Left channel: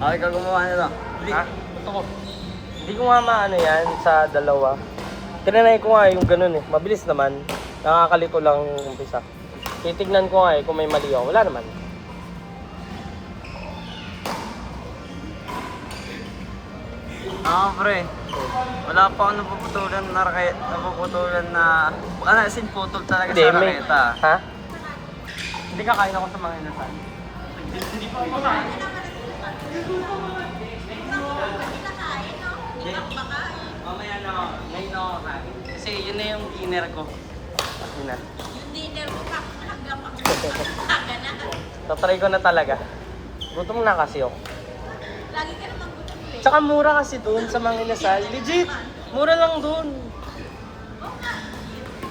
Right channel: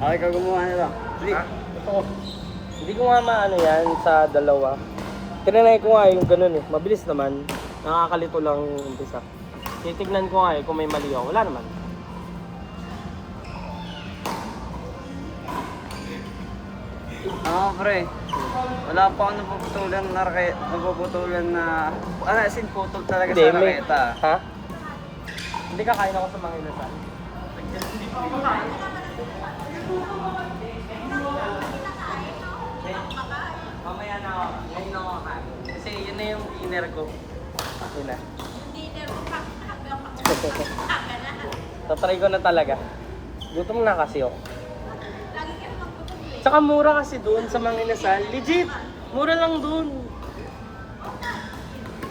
Bakit ka gumawa na no? Ha? Hindi ko nga maano yan sa dalawa. Tinanay ko nga yung ganun eh. Mabilis naman. Nakakalito lang yung umpisa. Titignan ko nga eh kung may mali ako. Wala naman. Pre. Wala pa ako napuputulan na raketa. Napuputulan na... Ano, as in putol talaga sa raketa. Ha? Hindi ka kaya ako sa mga inasal. Hindi pa ako kain. Mamaya na ako. Ngayon ako kain. Kasi yun na yung dinner ko. Kasi na. Dinner mo hanggang pagkaga na. Patry ko na talaga. Gutom na kasi ako. Lagi ka naman gutom eh. Tsaka mura kasi doon sa mga inasal. Legit! Mura lang doon. Oo nga.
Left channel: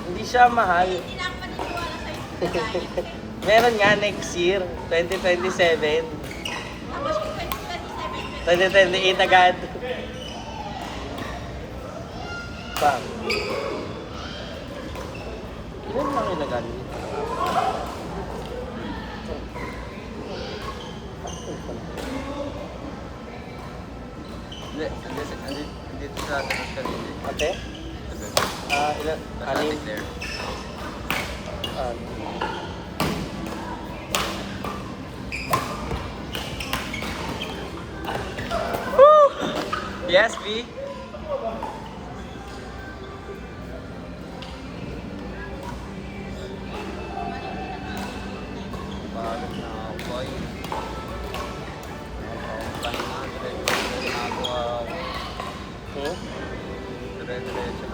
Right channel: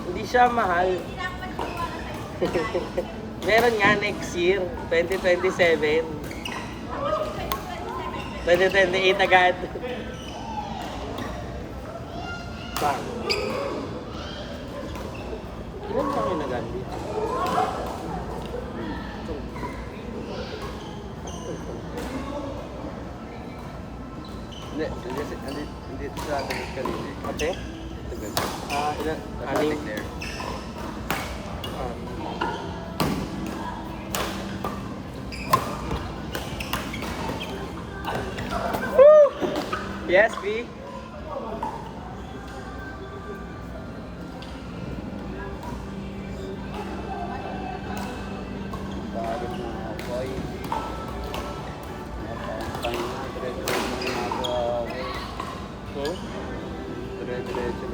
Hindi siya mahal. Hindi na ako paniniwala sa'yo sa diet. Meron nga next year, 2027. Tapos yung 2027, 2028 agad. Pa. Ano agad? Dito sa atin. Okay? Kalit there. Yes, B.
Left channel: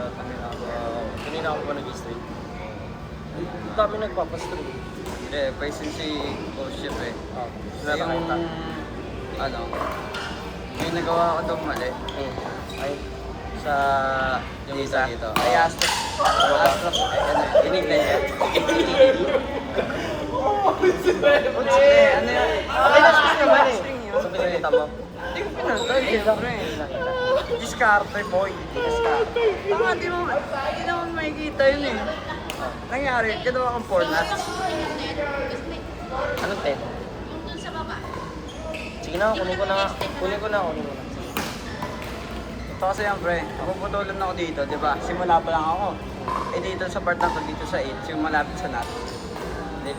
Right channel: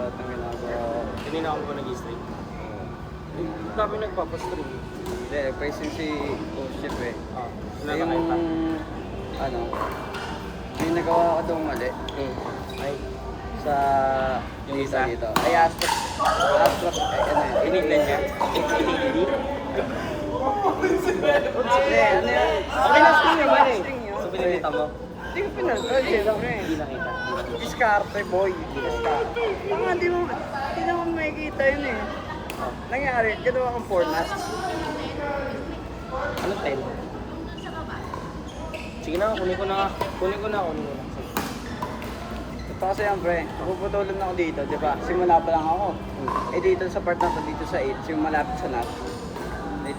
Hindi na ako pa nag-stream. Sabi nagpapastream. Hindi, paisin si Coach Chef eh. Meron Yung, ka. ano, yung nagawa ko daw mali. Sa yung isa dito. Kaya Astros, dinig na siya. Ayos ka naman eh. Sa pinakita mo. Hindi ko pinakita. Discarte boy. Hindi naman makikita yun eh. Nangyari, ginawa ang format. internet, kasi yung dun sa baba. Sige na, kunin ko na. Kunin ko na ako. Ito kasi yung friend, puputulan ako dito, di ba? Simula pa lang ako. Eh dito sa part na dito sa 8, yung malapit sa nut.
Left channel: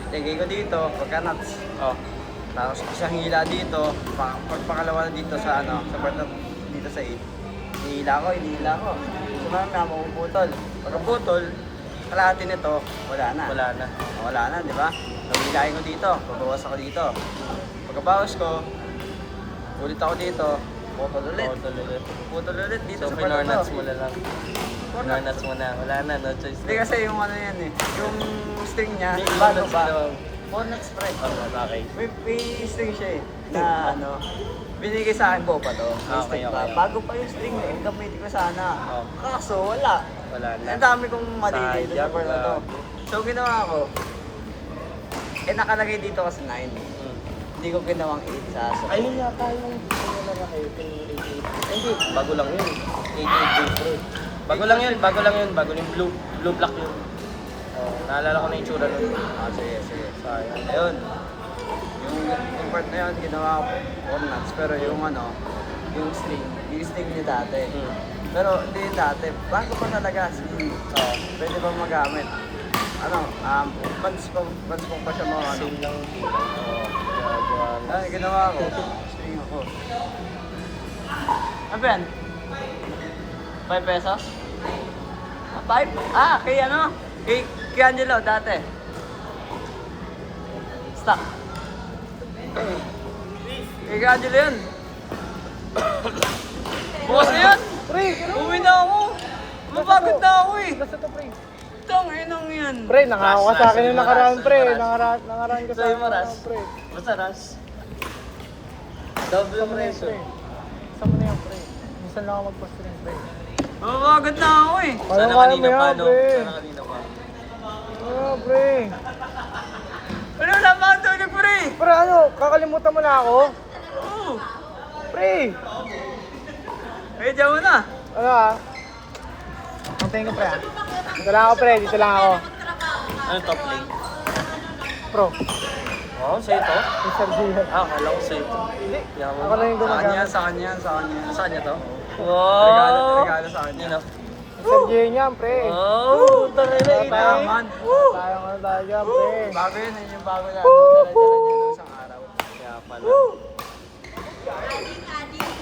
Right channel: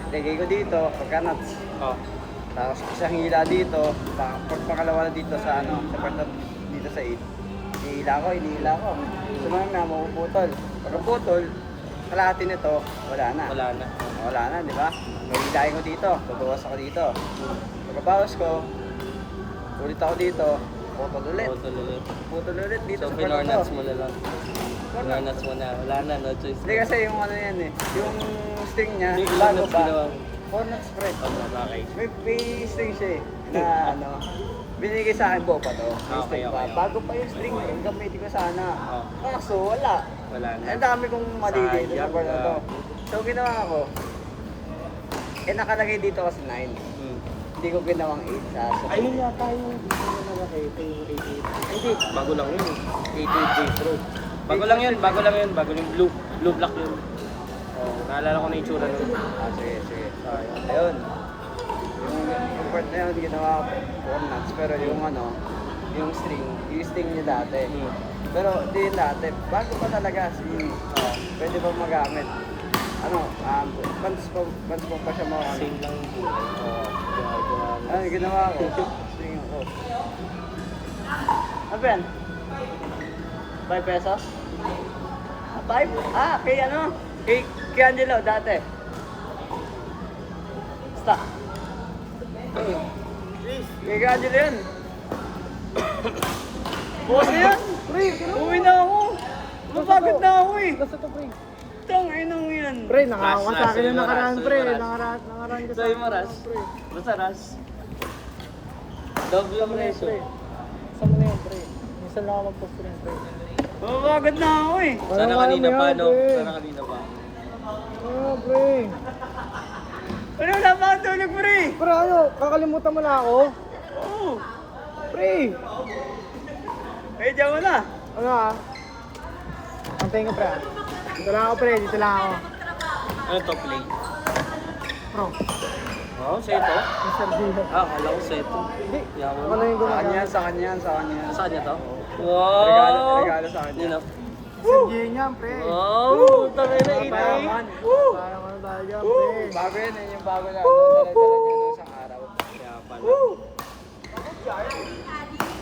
Lagay ko dito, pagka nuts. Tapos sa hila dito, pangalawa dito sa ano, sa part na dito sa 8. Hila ko. Ano na, puputol. Pag puputol, kalahati nito, wala na, di ba? Nagigay ko dito, pagbawas ako dito. Pagbawas ko, ulit ako dito, puputol ulit dito sa part na to. Pinornuts mo na. Wala na, no choice. Hindi kasi yung ano yan eh, yung stick niya, Ano ba? on next friend ko. May stick siya eh, na ano, binigay sa akin ko pa to. Bago pa yung stick, gamitin ko sana. Kaso wala. Ang dami kong madidig sa part na to. So ginawa ko, eh nakalagay dito kasi 9. Hindi ko ginawang 8 sa Ay, bago lang yun. Bago lang yun. Bago yung blue black. Naalala ko na yung tsura. Ayun. Yung part na yun, ginawa ko. Pero yung ano, yung stick ni dati. Pero hindi dati. Bago ko talaga, sige, pwede mo magamit. Ano, bands ko pa siya mga ano. Ayun, ginawa ko. Apen? 5 pesos? 5? Ah, kay ano? Kay Angelo dati. Stop. Kay Angelo yun. Bukas na yan! Uwi na ako! Mapagod na ako eh! Tanginang yan! Pre, nangako ka sa akin yung nakaraan, pre. Nakaraan ka sa akin, Ras. pre. Basta ras. ano? Sa preso. Minsan lang ako magpost ng Oo, agad na ako eh. Sana kanina pa, no? pre. Sana kanina pa. Oo, pre. Ano na pa ang tulog pre? Pre, ano? Kakalimutan mo na ako? Oo. Pre! Eh, diyan mo na. Ano ah? Ang tingin pre. Dito lang ako pre, dito lang ako. Ano to? Pro. Oo, sa'yo ba? Yung sardinas. Ah, wala ko sa'yo. Hindi. Ako lang yung Sa kanya, ginagamit. sa kanya, sa kanya. Saan niya to? Regalo, regalo sa kanya. Yun o. Yung sardinas niya, pre. Oh, tara na ina. Mayaman. Sayang ano tayo dyan, pre. Bago yan, yung bago yan. Yung sa araw.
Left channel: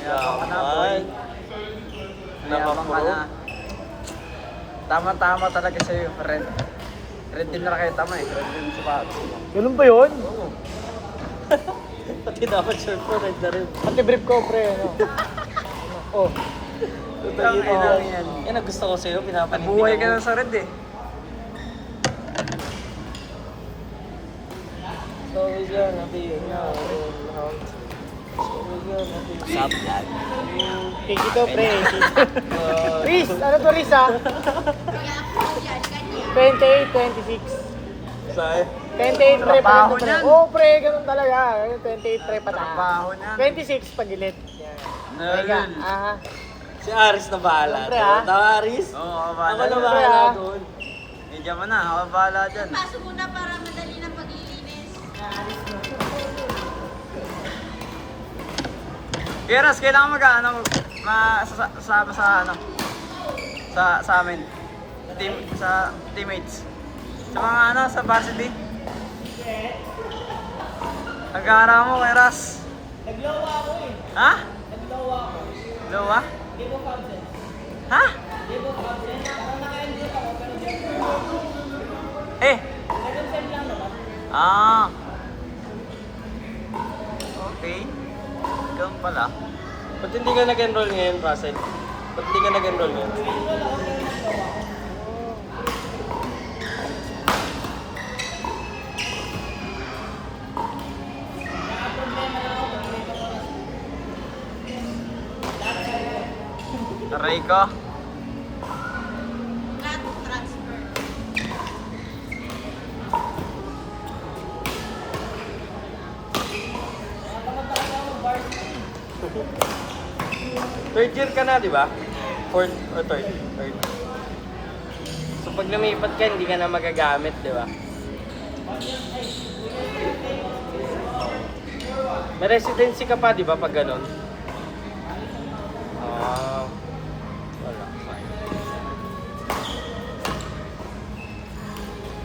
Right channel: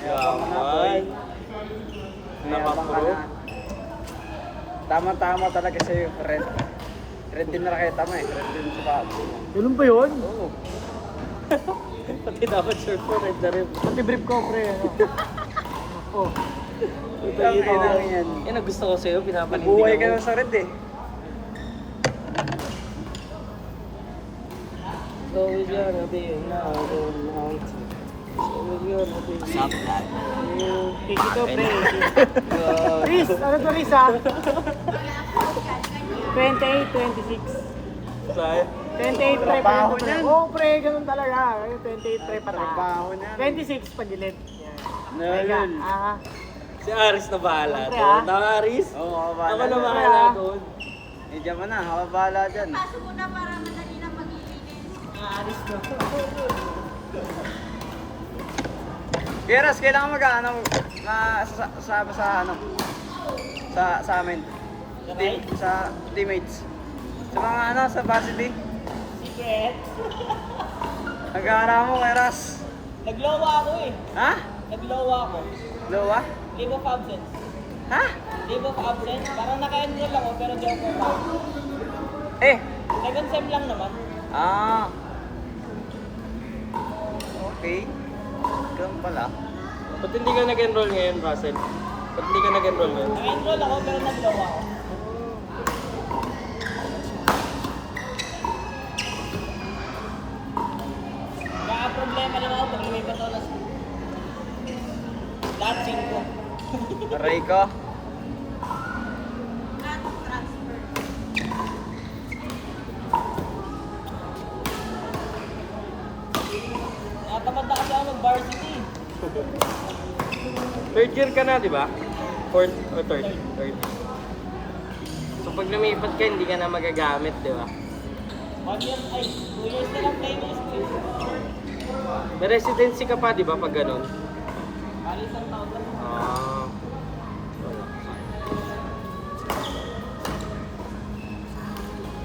Yaman na po eh. Yaman ka na. Tama-tama talaga sa'yo, friend. Friend din nakita mo eh. Friend din sa Ganun ba yun? At dapat siya na rin. Pati brief ko, pre. Ano? Oh. Ang ina yan. Yan ang gusto ko sa'yo, pinapalindigan Buhay ka na sa red eh. Sorry siya, hindi. Sup, lad? Ito, pre. Riz, ano to Riz ah? 28, 26. Saan? 28 pre pa Trabaho rin. niyan. Oo pre, ganun talaga. 28 pre pa na. Trabaho niyan. 26 pagilid. Kaya, Nel. Si Aris na bahala. Siyempre, ah. Ito, Aris. Oo, Ako kabala na na. bahala ah. doon. Bigyan mo na, ako bahala dyan. Paso muna para madali na paglilinis. Eras, kailangan mag-ano, sa ano, sa amin. Sa teammates. Sa mga ano, sa varsity. Nag-aaral mo, Eras. Naglowa ako eh. Ha? Naglowa ako. Lowa? Leave of absence. Ha? Leave of absence. Parang naka-enroll ako pero di ako. Eh, Second sem lang naman. ah. Okay. Ikaw pala. Ba't hindi ka nag-enroll ngayon, Russell? Ba't hindi ka nag-enroll ngayon? Nag-enroll ako pero naglowa ako. Kaya problema lang ako pag iwit ako na lahat 5. Aray ko. Transfer. Nakatamad na kasi ako mag-varsity. Third year ka na, di ba? Fourth o third? So pag lumipat ka, hindi ka na magagamit, di ba? 1 year, ay, 2 years na lang tayo ng space. May residency ka pa, di ba, pag ganun? Alis ang mga. Ah.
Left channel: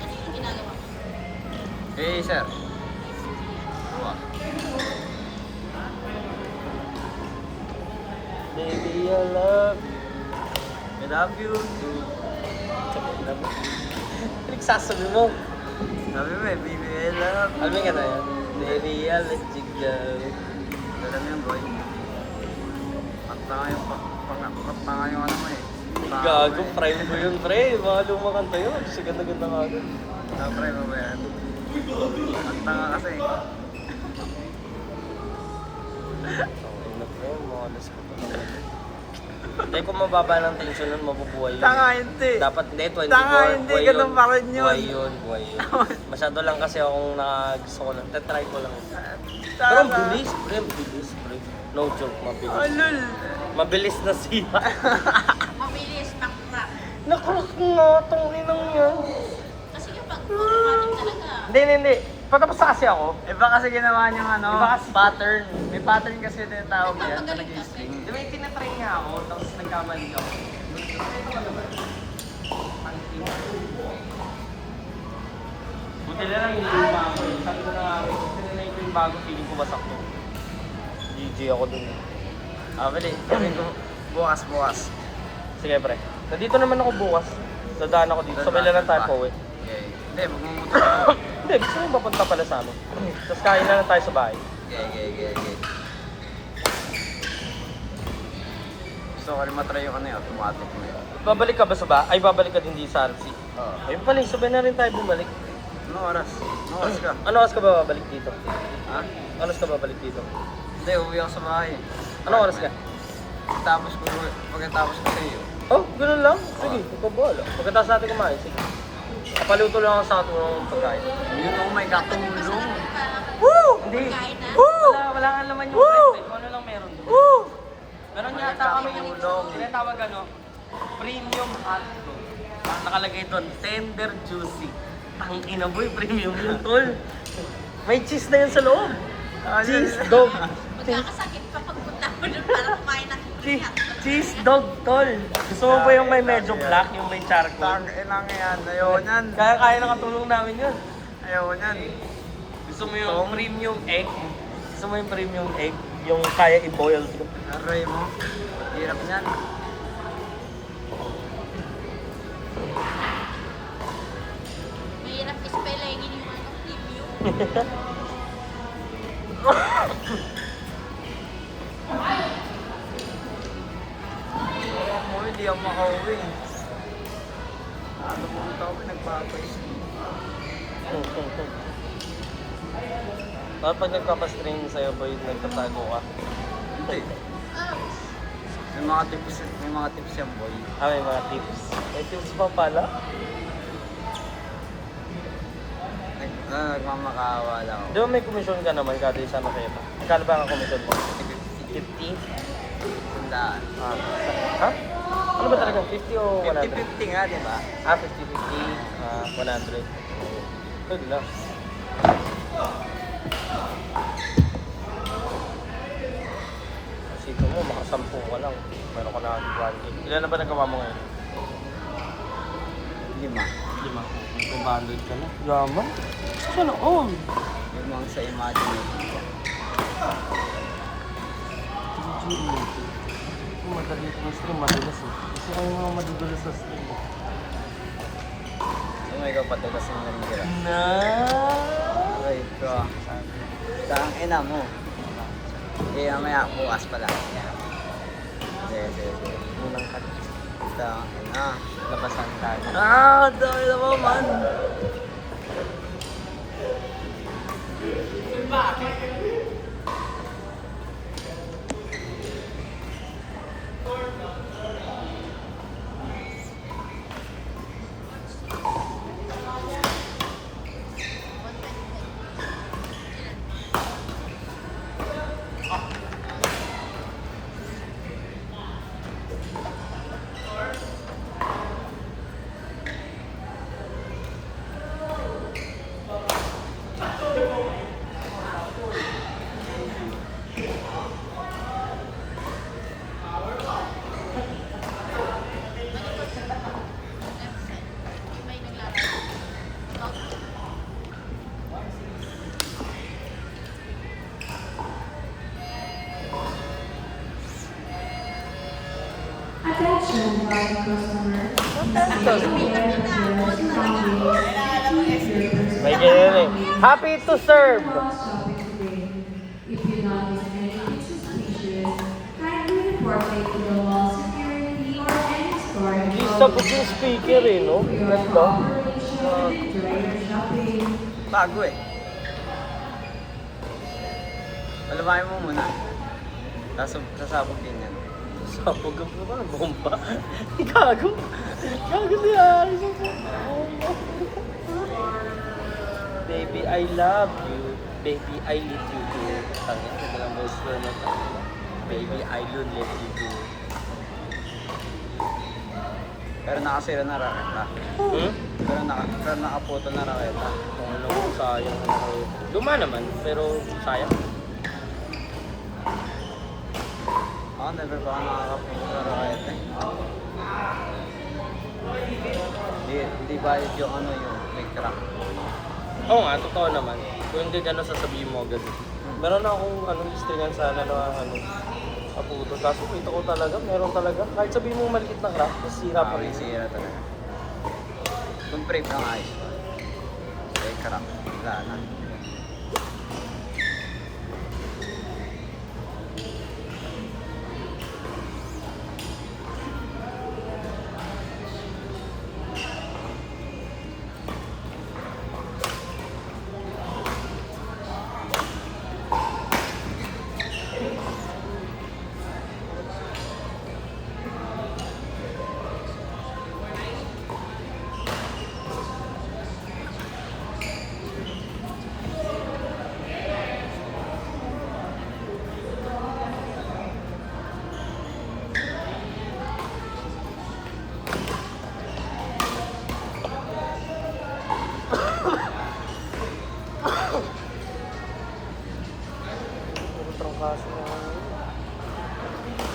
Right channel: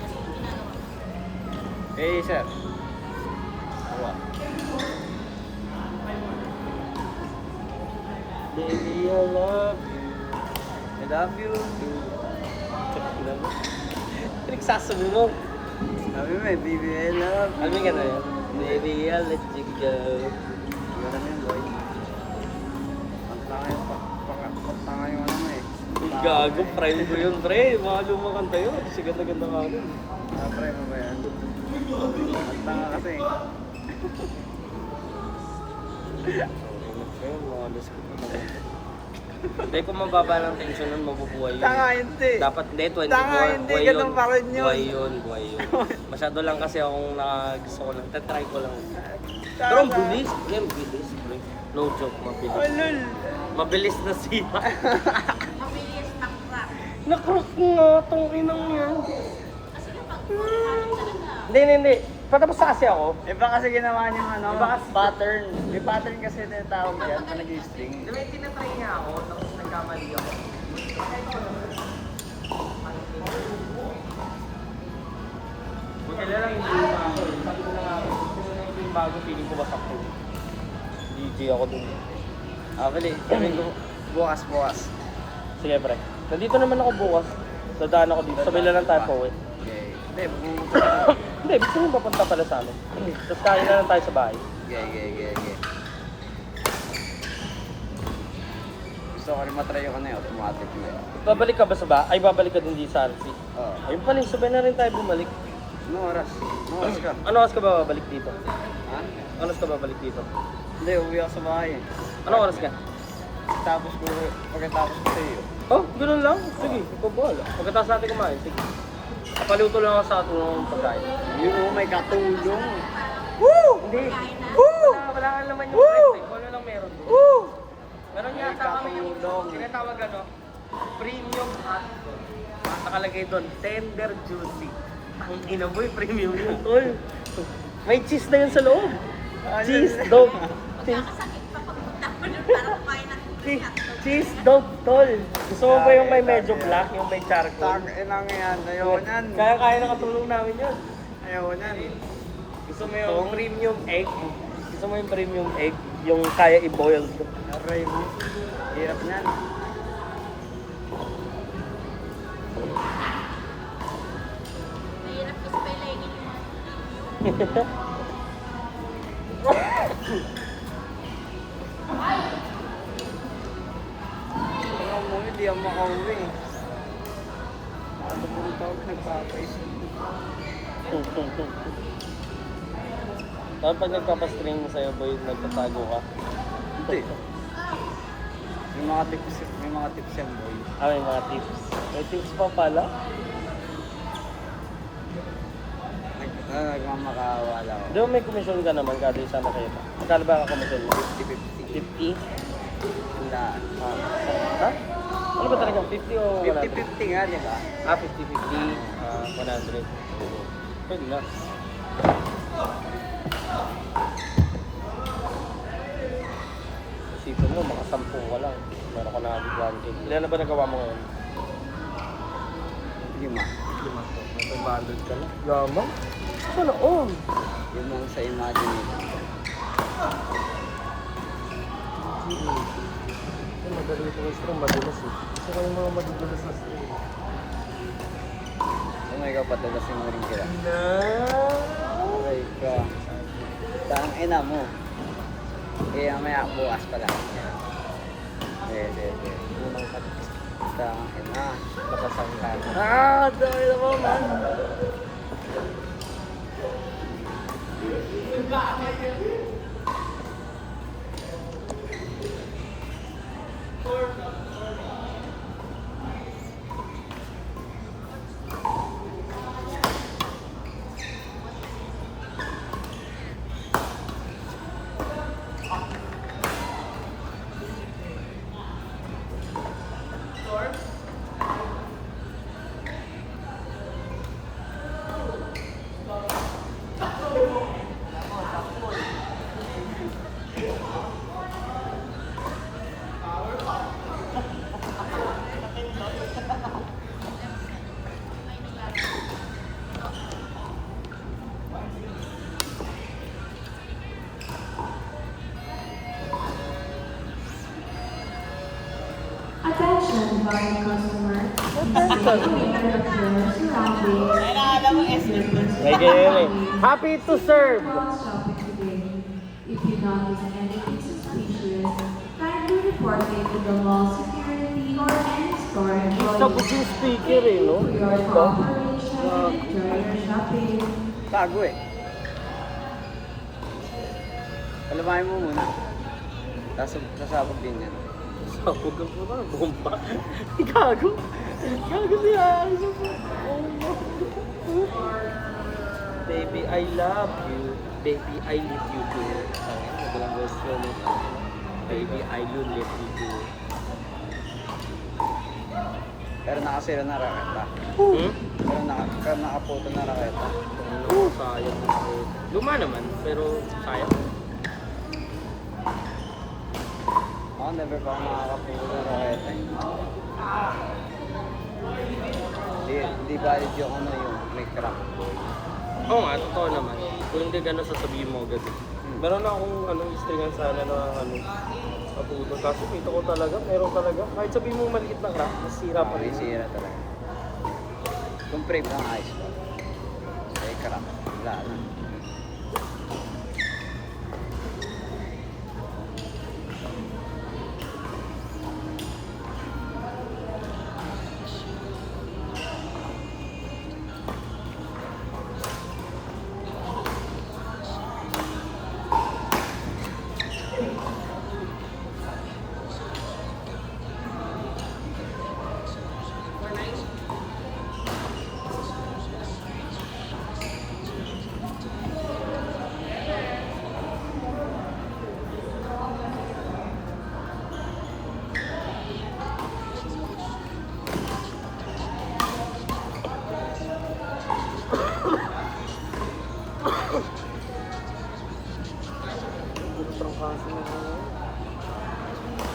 Ano yung ginagawa mo? Hey, sir. Baby, I love. I love you. Nagsasabi mo. Sabi mo eh, baby, I love. Ano ka na yun? Baby, I let you go. Alam mo yun, boy. Pakapot na nga yung ano mo eh. Gago, friend mo yun, pre. Baka lumakanta yun. Kasi ganda-ganda ka. Siyempre, mamaya. Tanga kasi. Hindi, kung mababa ng tension nun, mabubuhay yun. Tanga, hindi. Dapat hindi, 24. Tanga, hindi. Buhay Ganun yun. pa rin yun. Buhay yun, buhay yun. Masyado lang kasi akong gusto ko lang. Tetry ko lang. Pero Tama. ang bilis. Pre, ang bilis. No joke, mabilis. Oh, lol. Mabilis na siya. Mabilis, backtrack. Nakrus nga, tangin na nga. Kasi kapag automatic talaga. Hindi. Patapos na kasi ako. Iba kasi ginawa niyang ano, Iba kasi- pattern. May pattern kasi yung tinatawag yan. Napagaling kasi. Di ba yung tinatry niya ako, tapos nagkamali ako. Buti na lang hindi yung bago. Sabi ko na nga, buti na lang yung bago, feeling ko basak ko. GG ako din. Sabi ko, bukas. Sige pre. Nandito naman ako bukas. Dadaan ako dito. Sabay na lang tayo po. Hindi, magmumuto. Hindi, gusto mo ba pagpapala sa amin? Tapos kain na lang tayo sa bahay. Gusto ko rin matry yung ano yung automatic. Babalik ka ba sa bahay? Ay, babalik ka din di sa Alsi. Eh, balik. Sabay na rin tayo bumalik. Ano oras? Ano oras ka? Ano oras ka ba babalik dito? Ha? Ano oras ka babalik dito? Hindi, uwi ako sa bahay. Anong oras ka? Pagkatapos ko sa'yo. Oh, ganun lang? Sige, pabol. Pagkatapos natin kumain, sige. Paluto lang ako sa ako. Dito ko may katulong. Woo! Pagkain na. Wala nga naman yung price eh. Wala lang meron doon. Meron yata kami yung Wala tinatawag ano, premium hot dog. Nakalagay doon, tender juicy. Ang inaboy, premium yun, tol. May cheese na yun sa loob. Cheese dog. Magkakasakit pa pagpunta mo doon para kumain ng free hotdog. Cheese dog, tol. Gusto mo ba yung may medyo black, yung may charcoal? Kailangan yan. Ayaw yan. Kaya nakatulong namin yun. Ayaw yan. Gusto mo yung premium egg? Gusto mo yung premium egg? Yung kaya i-boil? Aray mo. Hirap yan. Mahirap ispelengin yung ano, review. Hindi ako makauwi. Pag nagpapasmin sa'yo ba yung paano ka? Hindi. May mga tips yan po. May mga tips. May tips pa pala? Nagmamakaawa lang. Di ba may commission ka naman kasi sa trip? Kano ba ka commission? 50? Tandaan. Ha? Ano ba talaga? 50 o 50-50 nga, di ba? 50-50. Wala. Good na. Sige, 10 pa lang. Meron ka na ako 200. Ilan na ba nagawa mo ngayon? 5. 500 ka na. Drama? Sana all. Yun mo sa imagine. Kung madali ito ng stream, madulas eh. Gusto ko yung mga madudulas na stream. Umuwi ka patulas sa mga Na. Aray ka. Saan ina mo? Hindi maya bukas pa lang. Dami naman! May naglalaro. Attention, buying customer. Happy to serve! If you notice anything suspicious, kindly report it to the mall security or any store Isa po yung speaker eh, no? for your cooperation and enjoy your shopping. Bago eh. Alabahin mo muna. Kasapog din yan. Sabog ka po ka. Gumpa. Gago. Gago yan. Baby, I love you. Baby, I love you. Baby, I love you. Pero nakasira na rin. Hmm? Pero nakapoto na rin. Sayang. Luma naman, pero sayang. Ako never pa nakakapoto na rin. Hindi ba yung ano yung crack? Oo nga, totoo naman. Kung hindi ka nasasabihin mo agad. Meron akong istingan sa ano na ano. Kaso dito ko talaga, pero talaga, kahit sabihin mo maliit na dapat, sira pa rin. Sira talaga. Yung print na nga eh.